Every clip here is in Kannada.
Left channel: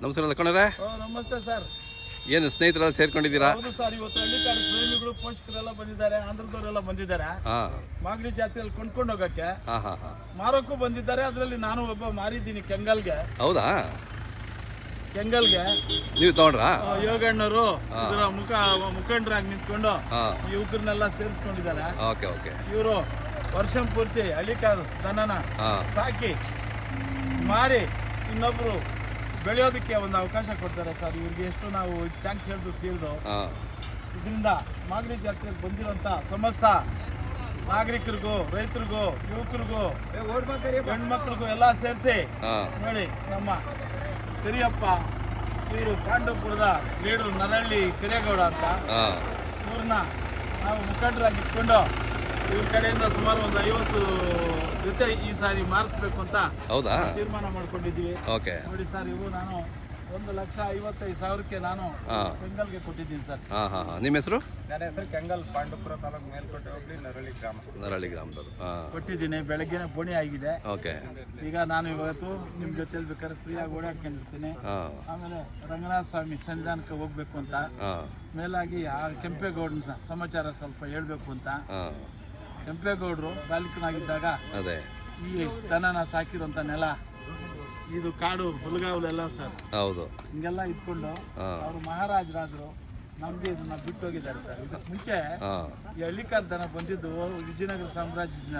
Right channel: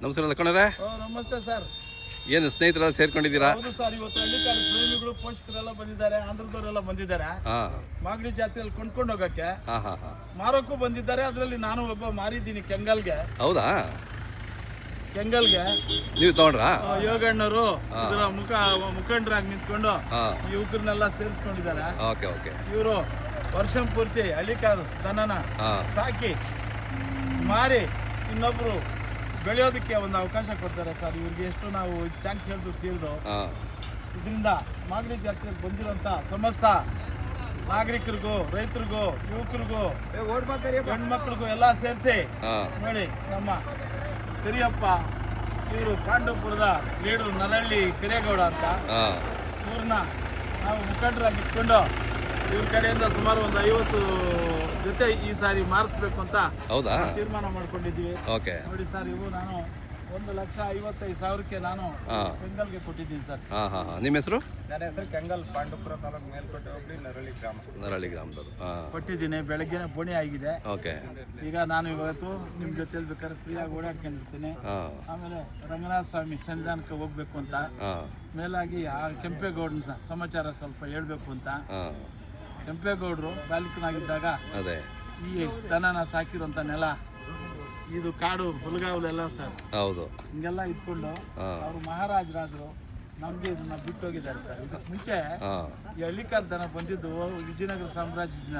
ನಮಸ್ಕಾರ ಲಕ್ಕಣ್ಣರೇ. ನಮಸ್ತೆ ಸರ್. ಏನು ಸ್ನೇಹಿತರೆಲ್ಲ ಸೇರ್ಕೊಂಡಿದ್ದೀರಾ? ಹೌದು ಸರ್, ಇವತ್ತು ಹಳ್ಳಿಕಾರ ಪ್ರೇಮಿಗಳು ಪೋಷಕರೆಲ್ಲ ಬಂದಿದ್ದಾರೆ, ಆಂಧ್ರದವರೆಲ್ಲ ಬಂದಿದ್ದಾರೆ. ಮಾಗಡಿ ಜಾತ್ರೆಯಲ್ಲಿ ಕೊಂಡ್ಕೊಂಡು ಹೋಗಕ್ಕೆ ಮಾರಕ್ಕೂ ಬಂದಿದ್ದಾರೆ. ಅದರಲ್ಲಿ ನಾನು ಒಬ್ಬ ಮಾರಿದ್ದೀನಿ ಕೆಂಗಲ್ಗೆ. ಹೌದಾ? ಕೆಂಗಲ್ಗೆ ನೀವು ತಗೊಂಡ್ರಾ? ಯೋಗಣ್ಣರು ಮುಖಂಡರಾಗಿ ನಿಂತ್ಕೊಂಡು ಯುವಕರನ್ನೆಲ್ಲ ಸೇರಿಸ್ಕೊಂಡಿದ್ದಾರೆ. ಇವರು ವರ್ಷ ಪೂರ್ತಿ ಹಳ್ಳಿಕಾರ ದನನ ಸಾಕಿ ಮಾರಿ ಇನ್ನೊಬ್ರು ಬೆಳೆಯೋದಕ್ಕೆ ಒಂದು ಅವಕಾಶ ಕೊಡ್ತಾರೆ ಸರ್. ಇವ್ರಿಗೆ ಎಷ್ಟು ನಾವು ಥ್ಯಾಂಕ್ಸ್ ಹೇಳಿದ್ರು ತೀರ್ದು. ಇದರಿಂದ ಮಾಗಡಿ ಜಾತ್ರೆಗೆ ಬಂದಿರುವಂತ ಸಮಸ್ತ ನಾಗರಿಕರಿಗೂ, ರೈತರಿಗೂ, ಯುವಕರಿಗೂ, ಹೆಣ್ಮಕ್ಳಿಗೂ ಎಲ್ಲ ಸೇರಿಸಿ ನೋಡಿ, ನಮ್ಮ ಕರಿಯಪ್ಪ ಇವರು ಪಾಂಡವಪುರದ ಲೀಡರ್ ನರಹಳ್ಳಿ ಕರಿಯಗೌಡ ಅಂತ, ಇವ್ರನ್ನ ನಾವು ಮುಖಂಡರಾಗಿ ಇಟ್ಕೊಂಡು ಇವ್ರ ಕಡೆಯಿಂದ ಸುಮಾರು ಒಂದು 50 ಜೊತೆ ಈ ಸಾರಿ ಮಾರಿಸ್ಬೇಕು ಅಂತ ತೀರ್ಮಾನ ಮಾಡ್ಕೊಂಡಿದ್ವಿ. ನೋಡಿ ಸರ್, ಇವು ನಾನು 1,55,000ಕ್ಕೆ ನಾನು ಕೆಂಗಲ್ಗೆ ಕೊಟ್ಟಿದ್ದೀನಿ ಸರ್. ನಿಮ್ಮ ಹೆಸರು? ನನ್ನ ಹೆಸರು ಕೆಂಗಲ್, ಪಾಂಡವಪುರ ತಾಲೂಕು ಮೇಲ್ಕೋಟೆ ಹೋಬಳಿ ನರಹಳ್ಳಿ ಗ್ರಾಮದವರು. ಕೊಟ್ಟಿದ್ದೀನಿ. ಬೆಳಗ್ಗೆನೆ ಬೋಣಿ ಆಗಿದೆ. ಈಗ ನಾನು ಇವತ್ತು ನಿಮ್ ಜೊತೆ ಬೇಕಾದ್ರೆ ಫ್ರೀಯಾಗಿ ಓಡಾಡ್ಕೊಂಡಿರ್ತೀನಿ. ಆಮೇಲೆ ರಂಗನಾಥ ಸ್ವಾಮಿ ಸನ್ನಿಧಾನಕ್ಕೆ ಹೋಗ್ಬೇಕು ಅಂತ, ಮೇಲಾಗಿ ಆ ಕೆಂಪೇಗೌಡನ ಸಮಾಚಾರ ಸ್ವಲ್ಪ ಹೇಳ್ಬೇಕು ಅಂತ. ಕೆಂಪೇಗೌಡರು ಬಾಲಿಕನಾಗಿದ್ದಾಗ ಈ ದನನ ಸಾಕಿರುವಂತ ನೆಲ, ಇದು ಕಾಡು ಹುಲಗಾವಲೆಲ್ಲ ಸರ್. ಹಿಂಗೆಲ್ಲ ಇಟ್ಕೊಂಡು ಅವರು ಮಹಾರಾಜರಾದ್ರು. ನಮ್ಗೆ ಇದನ್ನ ಬಿಟ್ಟು ಹೋಗಿದ್ದಾರೆ ಸರ್. ಇದಕ್ಕೆ ಮುಂಚೆ ಈ ಹಳ್ಳಿಕಾರ ದನ ಬಂದಿದ್ದು ವಿಜಯನಗರ ಸಾಮ್ರಾಜ್ಯದಿಂದ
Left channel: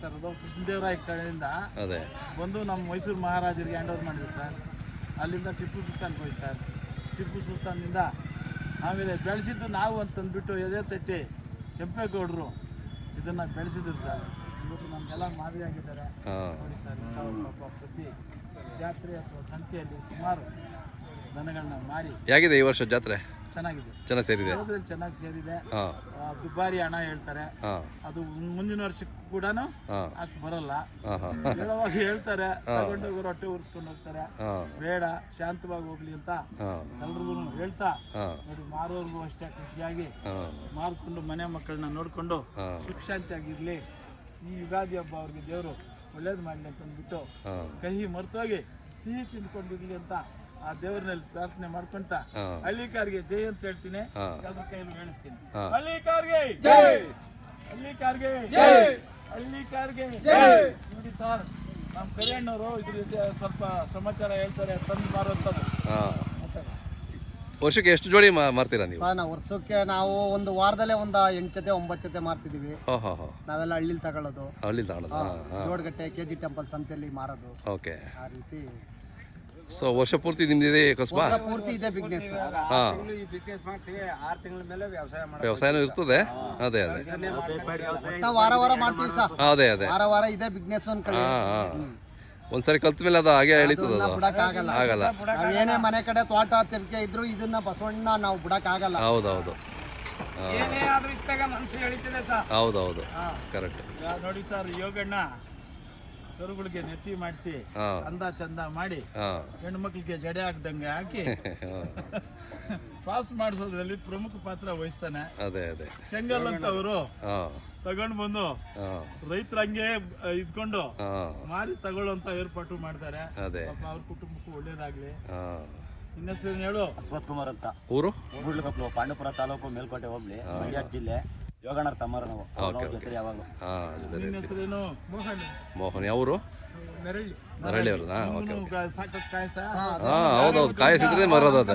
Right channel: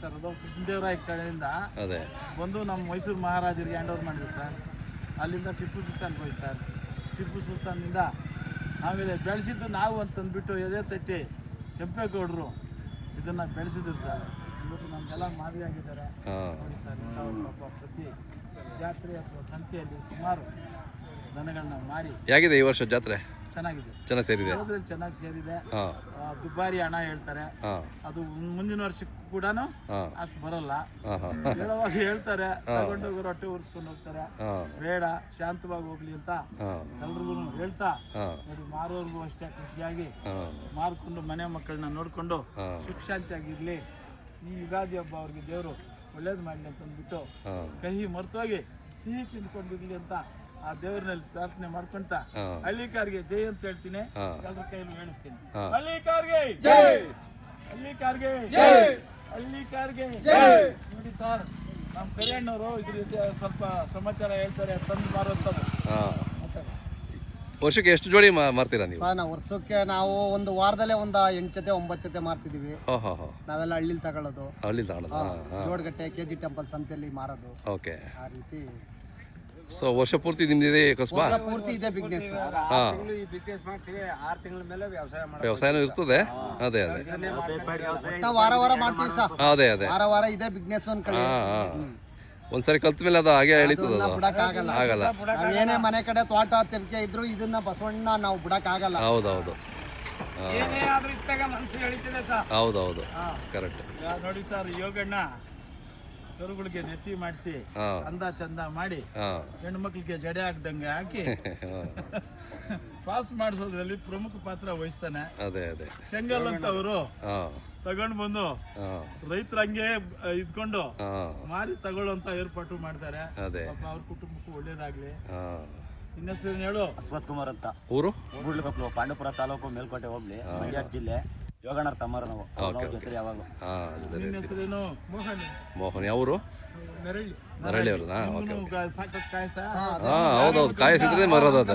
ಸರ್. ಅದು ಕೃಷ್ಣದೇವರಾಯ ಕಡೆಯಿಂದ ಬಂದು ನಮ್ಮ ಮೈಸೂರು ಮಹಾರಾಜರಿಗೆ ಹ್ಯಾಂಡ್ ಓವರ್ ಮಾಡಿದ್ರು ಸರ್. ಅಲ್ಲಿಂದ ಟಿಪ್ಪು ಸುಲ್ತಾನ್ ಹೋಗಿ ಸರ್. ಟಿಪ್ಪು ಸುಲ್ತಾನಿಂದ ಆಮೇಲೆ ಬೆಳೆಸಿದ್ದು ನಾವು ಅಂತಂದ್ಬಿಟ್ಟು ಎದೆ ತಟ್ಟಿ ಕೆಂಪೇಗೌಡರು ಇದನ್ನ ಬೆಳೆಸಿದ್ರು ಸರ್. ಇವತ್ತು ನಮ್ಗೆಲ್ಲ ಮಾದರಿಯಾಗಿದ್ದಾರೆ ನೋಡಿ ಸರ್. ಪ್ರತಿ ಜಾತ್ರೆ ಅಥವಾ ಸಂತೆಯಲ್ಲಿ ಸುಮಾರು ದನಗಳನ್ನ ಮಾರಿ. ಹೇಗಿದೆ ಈ ವರ್ಷ ಜಾತ್ರೆ? ಚೆನ್ನಾಗಿದೆ, ಚೆನ್ನಾಗಿ ಸೇರಿದೆ. ಚೆನ್ನಾಗಿ ಸೇರಿದೆ. ದುಬಾರಿ ಹಣ ಹೇಳ್ತಾರೆ, ಅದು ಮುಂದಿನ ವರ್ಷಕ್ಕೂ ಕೂಡ ಅಷ್ಟು ಬರಲ್ಲ. ಹೇಳುವಾಗ ಹೇಳ್ತಾರೆ, ತಗೊಂಡೋಗೋರು ಹೊಟ್ಟೆ ಉರ್ಸ್ಕೊಂಡು ಹೋಗ್ತಾರೆ. ಬೇಡ, ಶಾಂತವಾಗಿ ಹೋಗ್ಲಿ ಅಂತ ಎಲ್ರಿಗೂ ಹೇಳ್ತಾ ನೋಡಿ, ಮಾರೋರ್ಗೂ ಅಷ್ಟೇ ಖುಷಿಯಾಗಿ ಮಾರ್ಕೊಂಡು ಮನೆ ಮಕ್ಕಳನ್ನ ನೋಡ್ಕೊಂಡು ಸುಖ ಶಾಂತಿಯಾಗಿರ್ಲಿ. ಈ ಯುಗಾದಿ ಹಬ್ಬ ಅವ್ರಿಗೆ ದೇವರು ಒಳ್ಳೇದು ಮಾಡ್ಲಿ ಅಂತ ಅಂದ್ಬಿಟ್ಟು ಕಹಿ ಮರ್ತೋಗಿ ಸಿಹಿ ತಿಂದ್ಕೊಂಡಿರ್ಲಿ ಅಂತ ಆ ದೇವರಲ್ಲಿ ಪ್ರಾರ್ಥನೆ ಮಾಡ್ಕೊಂತ ಹಳ್ಳಿಕಾರ್ಗೆ ಜೈ ಅಂತ ಹೇಳ್ತೀನಿ. ಎಲ್ಲರ ಕೈಯಲ್ಲಿ ಹೇಳಿಸ್ತೀನಿ, ಹಳ್ಳಿಕಾರ್ಗೆ ಜೈ, ಹಳ್ಳಿಕಾರ್ಗೆ ಜೈ, ಹಳ್ಳಿಕಾರ್ಗೆ ಜೈ. ನೋಡಿ ಸರ್, ನಮ್ಮ ಕರಿಯಣ್ಣವರು ಇದ್ರ ಸ್ವಲ್ಪ ಸಮಾಚಾರ ಹೇಳ್ತಾರೆ. ತಂದು ಮಾರುವಂಥದ್ದು. ವರ್ಷಕ್ಕೆ ಎಷ್ಟು ಜೋಡಿ ಮಾರ್ತೀರಾ ನೀವು? ನಾವು ವರ್ಷಕ್ಕೆ ನಾವು ಒಂದು ವಾರದಲ್ಲೇ ಒಂದು 8 ಜೊತೆ 9 ಜೊತೆ ಮಾರ್ತಿದೀವಿ. ನಾವೆಲ್ಲ ಹಳ್ಳಿಲಿ ತಗೊಳ್ಳೋದು, ಜೋಡಗಟ್ಟೆ KG ಟೆಂಪಲ್ ಸಂತೆಯಲ್ಲಿ ಮಾರೋದು. ಆ ರೀತಿ ವರ್ಷ ಪೂರ್ತಿ ನಿಮ್ದಿದೆ ಕಸ್ಬಾ? ಪೂರ್ತಿ ಇದೆ ಬಿಸ್ನೆಸ್. ವ್ಯವಸಾಯನೂ ಇರ್ತದೆ. ಅದೇ ವಾರ ವಾರ ಮಾಡ್ತೀವಿ ಸರ್. ಅದೇ ವಾರ ವಾರ ಇದೆ ಬಿಸ್ನೆಸ್. ಒಂದ್ಸರಿ ಕಲ್ತ ಮೇಲೆ ಅದು ಹಾಗೆ ಎಳಿತದ, ಆಗಲ್ಲ. ಏನೇ ಮನೆ ಕಡೆ ತೋಟ ತಿರ್ಕೆ ಇದ್ರು ಇದನ್ನ ಬಸವಣ್ಣ ನಾವು ಬಿಡಕ್ ಆಗಲ್ಲ. ಹೌದೌದು, ಹೌದೌದು, ಕರೆಕ್ಟ್. ನೋಡಿ ಸರ್, ಯೋಗಣ್ಣ ಕರುಗಳಿಗೆ ನೆತ್ತಿ ಮಾಡಿಸಿ ಅಂದ ಚಂದ ಮಾಡಿ ಹೆಣ್ಣು ಮಕ್ಳಿಗೆ ಜಡೆ ಹಾಕ್ದಂಗೆ ಹಾಕಿ ಪಾಸ್ ಮಾಡಿಸೋದ್ರಲ್ಲಿ ಪ್ರಮುಖ ಪಾತ್ರ ವಹಿಸ್ತಾನೆ. ಕೆಂಗಲ್ ಅಂತ ಅವರು ತಗೊಂಡ್ ಬಂದು ರೈತರ ಹಂಗೆ ಇದ್ಕೊಂಡು ಮಾರಿ ತಗೊಳ್ಳುವಂತ ಏರ್ಪಾಟು ಮಾಡ್ತಾರೆ. ಅವ್ರ ಕುಟುಂಬಕ್ಕೂ ಒಳ್ಳೇದಾಗ್ಲಿ. ಇನ್ನೆಸರು ಹೇಳು? ಅಶ್ವಥ್ ಕುಮಾರ್ ಅಂತ, ಊರು ಗುಡ್ಲಕೊಪ್ಪಲು, ಪಾಂಡವಪುರ ತಾಲೂಕು, ಮೇಲ್ಕೋಟೆ ಹೋಬಳಿ, ಮಂಡ್ಯ ಜಿಲ್ಲೆ. ಯೋಗಣ್ಣರ ತಮ್ಮರು ನಾವು. ಯಾವಾಗಲೂ. ನಿನ್ನ ಹೆಸರೇನು? ಮೋಹನ್. ಮೋಹನ್. ಯಾವರು? ನರಹಳ್ಳಿ ಅವ್ರದಾ? ಸಾಕಷ್ಟು ಕಾಯಸ. ಹೌದೌದು, ಕಾಯಿಸಿದ್ರೆ ಮರೋದು ಅದು.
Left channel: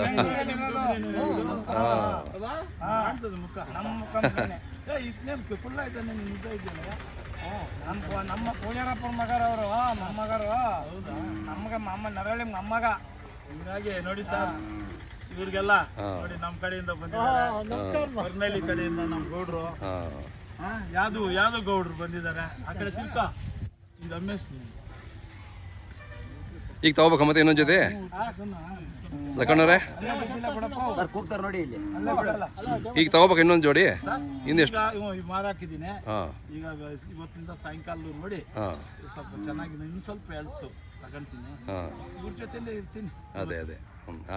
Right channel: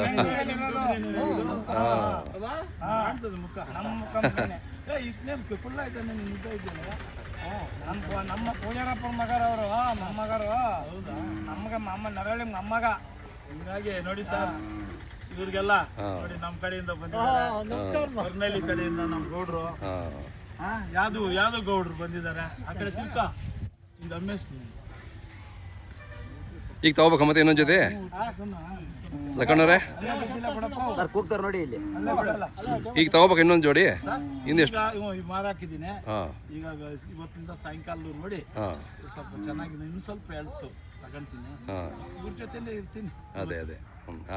ಮುಖ ಫುಲ್ ಆಯ್ತಾ? ನಮ್ಮ ಪೂಜಾರಪ್ಪನ ಮಗರವರು, ಮೊಮ್ಮಗರು. ನಮ್ಗೆ ನರಹಳ್ಳಿ ಮೊಮ್ಮಗ. ಹೀಗಾಗಿ ನೋಡಿ ಸರ್, ಇವ್ರಿಗೆಲ್ಲ ನೋಡಿ ನಮ್ಮ ಕಡೆಯಿಂದ ಬಂದಿದ್ದಾರೆ. ಹೊರನಳ್ಳಿ ಕಡೆಯಿಂದ ನಮ್ಮ ಗೌಡ್ರು, ಯಾವ್ದು ಗೌಡ್ರು ಬಂದಿದ್ದಾರೆ. ಆ ಕಡೆ ತಿಳ್ಕ ಇದು ರಮೇಶ್. ಈಗ ತಗೋಬೇಕ ಮತ್ತೆ ಇನ್ನೊಂದು ಜೊತೆ ಲಕ್ಕಣ್ಣವ್ರೆ ಸರ್ ಕೂಗ್ತಾರೆ ನೋಡಿ ಇಲ್ಲಿ. ಈಗ ತಗೋಬೇಕು ಇನ್ನೊಂದು ಜೋಡಿ ಇನ್ನೆಷ್ಟು ಮಾರಾಕಿದ್ದೀನಿ. ಹಾಂ ಈಗ ಇವತ್ತಿಂದ ಸಾಯಂಕಾಲ ನೋಡಿ ಹಾಂ ಸ್ವಲ್ಪ ಚೆನ್ನಾಗಿದೆ, ಇನ್ನು ಸ್ವಲ್ಪ ಎಳ್ಸು ತಗೊಂತೀನಿ, ಹಾಂ ಇವ್ರ ಜೊತೆಲೇ ಇರ್ತೀನಿ. ಅದೇ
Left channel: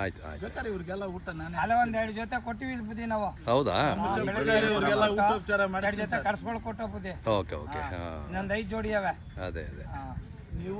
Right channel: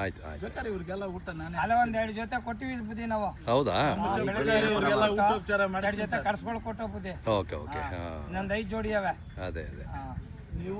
ಆಯ್ತು ಆಯ್ತು. ಬೇಕಾದ್ರೆ ಇವ್ರಿಗೆಲ್ಲ ಊಟ ನಾನೇ ಅಲ್ಲ ಒಂದ್ 2 ಜೊತೆ ಕೊಟ್ಟಿವಿ ಬುದ್ಧಿ ನಾವು. ಹೌದಾ? ಇವ್ರಿಗೆಲ್ಲ ಊಟೋಪಚಾರ 2 ಜೊತೆ ಕರ್ಸ್ಕೊಳ್ ಕೊಟ್ಟು ಬುದ್ಧಿ. ಓಕೆ ಓಕೆ ಹಾಂ ಇನ್ನೊಂದ್ 5 ಜೋಡಿ ಅವೆ. ಅದೇ ನೀವು